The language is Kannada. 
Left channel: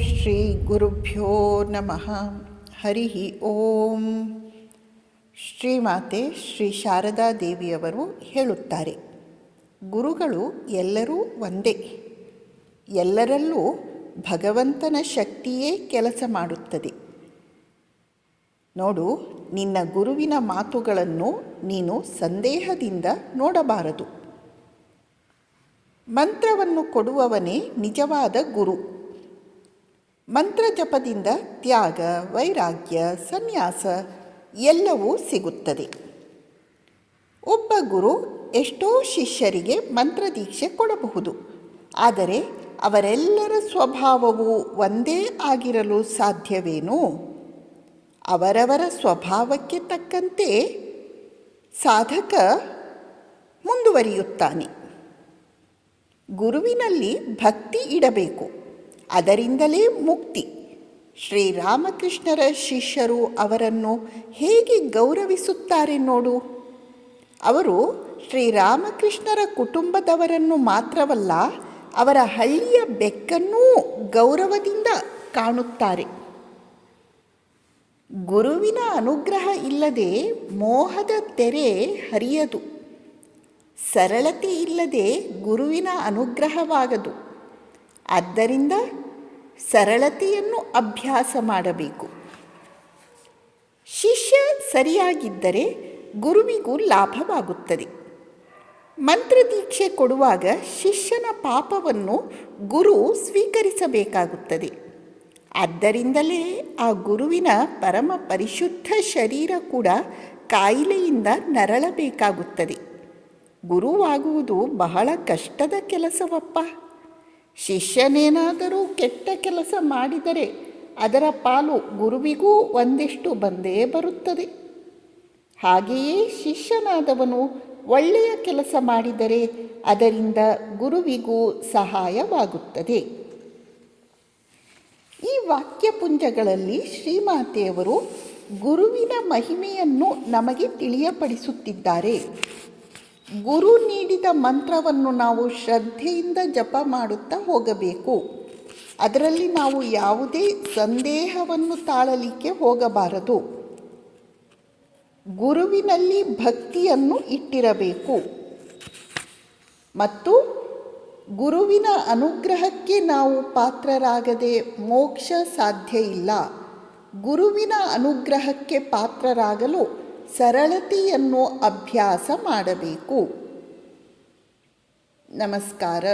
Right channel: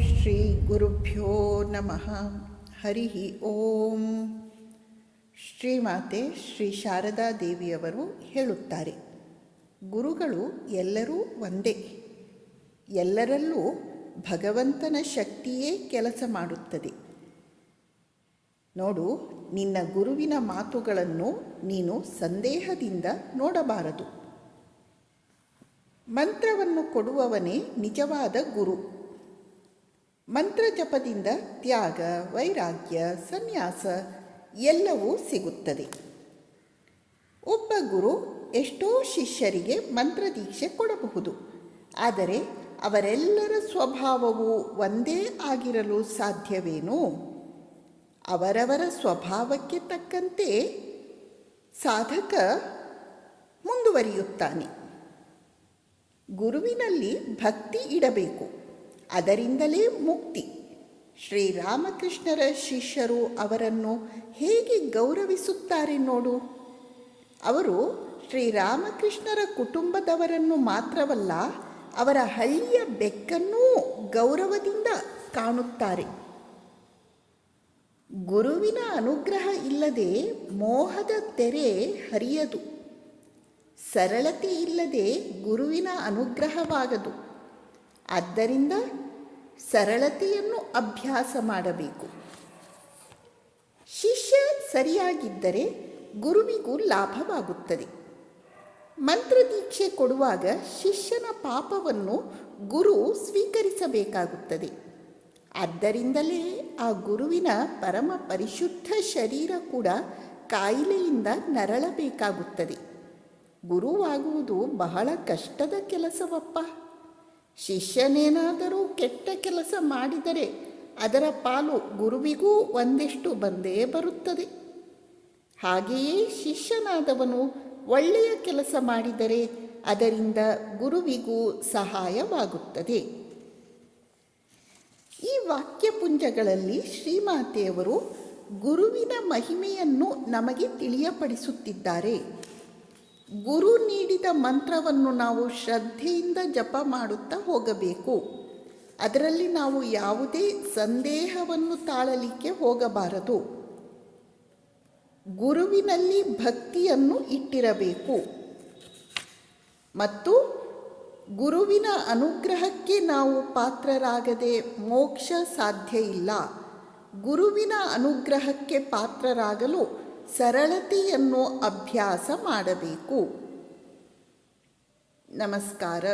ಶ್ರೀ ಗುರುಭ್ಯೋ ನಮಃ. ಹರಿ ಓಂ. ಶ್ರೀಮಾತೆ ಶ್ರೀ ಶಾರದಾ ದೇವಿಯವರು ಹೇಳುತ್ತಾರೆ, ಗುರುಗಳು ಎಲ್ಲರೂ ಒಂದೇ. ಎಲ್ಲರಲ್ಲೂ ಭಗವಂತನ ಶಕ್ತಿಯೇ ಕೆಲಸ ಮಾಡುತ್ತದೆ. ನೋಡು, ನಿನ್ನ ಗುರುವಿನ ಮಾತುಗಳನ್ನು ನೀನು ಸಂದೇಹದಿಂದ ನೋಡಬಾರದು. ಮಂತ್ರವನ್ನು ಕೊಡುವವನೇ ನಿಜವಾದ ಗುರು. ಮಂತ್ರ ಜಪದಿಂದ ತ್ಯಾಗ, ವೈರಾಗ್ಯ, ಸನ್ಯಾಸ ಎಲ್ಲವೂ ಸಿಗುತ್ತದೆ. ಒಬ್ಬ ಗುರು ಎಷ್ಟೋ ಶಿಷ್ಯರಿಗೆ ಮಂತ್ರದೀಕ್ಷೆ ಕೊಡಬಹುದು. ಆದರೆ ಅವರೆಲ್ಲರ ಸ್ವಭಾವವು ಒಂದೇ ಆಗಿರಲು ಸಾಧ್ಯವೇನು? ಅವರವರ ಸ್ವಭಾವಕ್ಕೆ ತಕ್ಕಂತೆ ಸಾಧಕ ಮುಂದುವರಿಯುತ್ತಾನೆ. ಗುರುವಿನಲ್ಲಿ ಭಕ್ತಿ ಇಡಬೇಕು, ಅದರಿಂದಲೇ ಮುಕ್ತಿ. ಶ್ರೀರಾಮಕೃಷ್ಣರ ಶಿಷ್ಯರು ಅವರನ್ನು ಹೇಗೆ ಗೌರವಿಸುತ್ತಾರೆ ನೋಡು. ಅವರು ಶ್ರೀರಾಮಕೃಷ್ಣರ ಕುಟುಂಬದವರನ್ನು ಮಾತ್ರವಲ್ಲ, ಅವರ ಹಳ್ಳಿಯ ಬೆಕ್ಕನ್ನೂ ಗೌರವದಿಂದ ಕಾಣುತ್ತಾರೆ. ಗುರುವಿನ ಅನುಗ್ರಹ ಇಲ್ಲದೆ ಮೋಹದ ತೆರೆ ಹರಿಯದು. ಸರಳತೆ ಇಲ್ಲದೆ ಗುರುವಿನ ಅನುಗ್ರಹವಾಗದು. ಆದ್ದರಿಂದ ಸರಳತೆಯನ್ನು ಅಭ್ಯಾಸ ಮಾಡಬೇಕು. ಶಿಷ್ಯ ಸರಿಯಾಗಿದ್ದರೆ ಗುರುವಿಗೂ ಲಾಭವಾಗುತ್ತದೆ. ಮಂತ್ರದೀಕ್ಷೆ ಕೊಡುವಾಗ ಶಿಷ್ಯನ ಪಾಪವನ್ನು ಗುರು ಸ್ವೀಕರಿಸಬೇಕಾಗುತ್ತದೆ. ಆದ್ದರಿಂದಲೇ ಆ ಗುರುವಿನ ಪರಮ ಪರಿಶುದ್ಧ ಶರೀರ ಕೂಡ ಕಾಯಿಲೆಯಿಂದ ನರಳಬೇಕಾಗುತ್ತದೆ. ಗುರುವಾಗುವುದು ಬಹಳ ಕಷ್ಟದ ಕೆಲಸವಪ್ಪ. ಶಿಷ್ಯನೇನಾದರೂ ಕೆಟ್ಟ ಕೆಲಸ ಮಾಡಿದರೆ ಅದರ ಪಾಲು ಗುರುವಿಗೂ ಒಂದಿಷ್ಟು ಬಂದೇ ಬರುತ್ತದೆ. ಹಾಗೆಯೇ ಶಿಷ್ಯನಾದವನು ಒಳ್ಳೆಯ ಕೆಲಸ ಮಾಡಿದರೆ ಅದರಿಂದ ಗುರುವಿಗೂ ಸಹಾಯವಾಗುತ್ತದೆ. ಈ ವಾಕ್ಯಪುಂಜಗಳಲ್ಲಿ ಶ್ರೀಮಾತೆಯವರು ಗುರುವಿನ ಮಹಿಮೆಯನ್ನು ನಮಗೆ ತಿಳಿಯಪಡಿಸುತ್ತಿದ್ದಾರೆ. ಗುರು ನೀಡಿದ ಮಂತ್ರವನ್ನು ನಾವು ಶ್ರದ್ಧೆಯಿಂದ ಜಪ ಮಾಡುತ್ತಾ ಹೋಗಬೇಕು. ಅದರಲ್ಲಿ ನಾವು ಯಾವುದೇ ಸಂದೇಹವನ್ನು ತಾಳಲಿಕ್ಕೆ ಹೋಗಬಾರದು. ಗುರುವಿನಲ್ಲಿ ಭಕ್ತಿಯನ್ನು ಇಟ್ಟಿರಬೇಕು ಮತ್ತು ಗುರುವಿನ ಅನುಗ್ರಹಕ್ಕೆ ನಾವು ಪಾತ್ರರಾಗದೆ ಮೋಕ್ಷ ಸಾಧ್ಯ ಇಲ್ಲ. ಗುರುವಿನ ಅನುಗ್ರಹಕ್ಕೆ ಪಾತ್ರರಾಗಲು ಸರಳತೆಯನ್ನು ಅಭ್ಯಾಸ ಮಾಡಬೇಕು. ನಮಸ್ಕಾರ.